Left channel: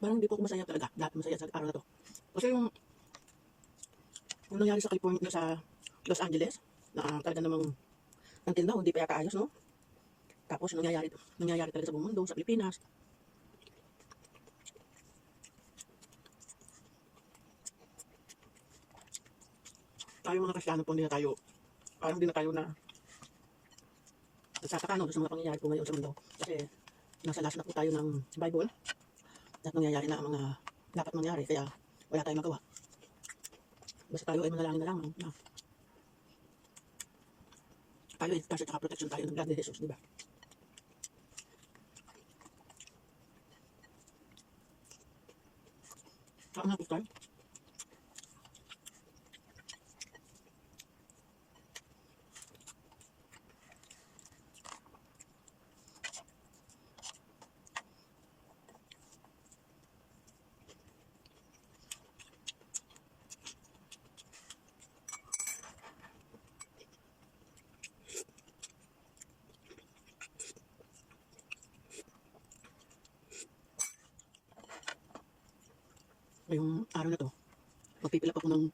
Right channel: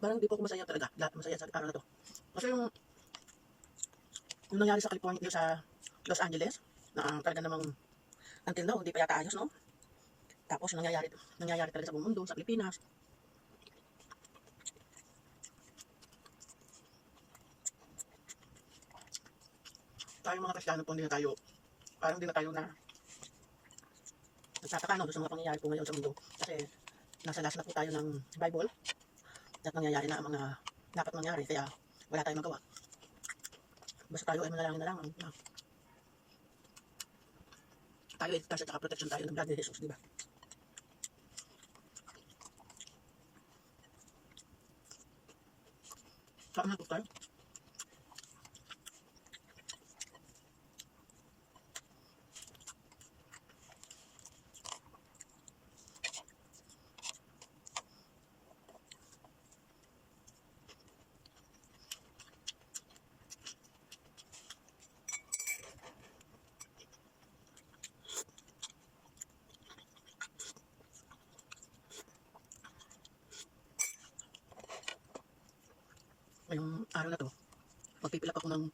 parang hindi po ako masaya talaga. Lahat masaya sa araw na to. Kasi yung nangyari sa California, sa Los Angeles, na talaga namang until now, hindi pa yata ayos, no? Tapos nangyayari talaga sa buong mundo, sa Pilipinas. Tayo mga Kristiyano po, hindi na tayo, parang hindi na tayo na nagtataka, no, sa mga pangyayari po ngayon sa mundo. Kasi nasa last na po tayo ng Bible at nangyayari na ang mga dapat mangyari, kaya wala tayong magawa. Basta tayo ay manalangin na lang, no? Na tayo ay ligtas at protection tayo ng blood ni Jesus, di ba? Saan na po tayo? Ngayong araw na to, magpipilap ako ng